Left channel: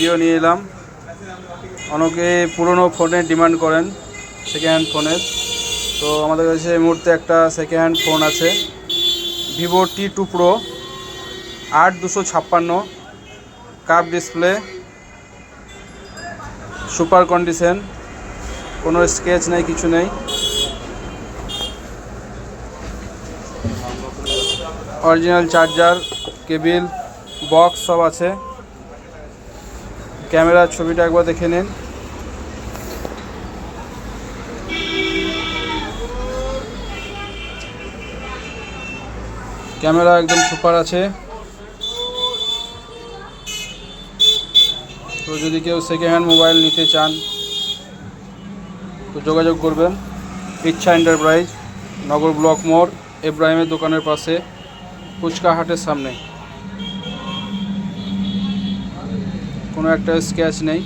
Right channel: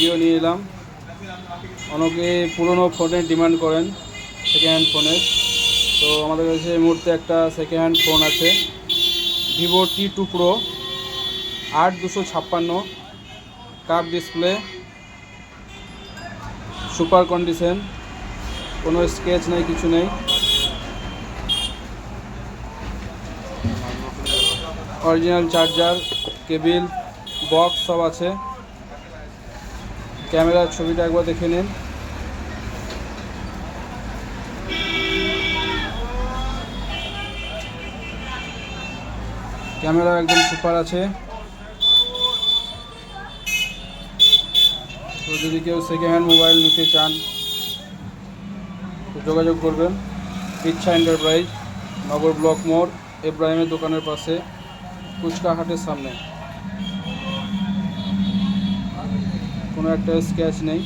Video নিয়ে এলাম। অনেকে পুরনো ফোনের ডিমান্ড করেন, সেকেন্ড হ্যান্ড ফোনের। তো আমাদের কাছে এই মুহূর্তে একটা সেকেন্ড হ্যান্ড ফোন আছে, Vivo T2 Pro 8256, curve display, super condition, কোনো স্ক্র্যাচ নেই, কিছু নেই। অরিজিনাল চার্জার, কেবিল, বক্স সব আছে। ক্যামেরার ছবিটা একবার দেখে নিন। ক্যামেরা একদম সুপার আছে। তো যদি কেউ সেকেন্ড হ্যান্ড মোবাইল নিতে চান তো যোগাযোগ করবেন। ইচ্ছা এন্টারপ্রাইজ, নগর ব্লক মোড়, ইব্রাহিমের দোকানের পাশে, ফুচকা হাটের সামনে। কোনো একটা স্ক্র্যাচ নেই।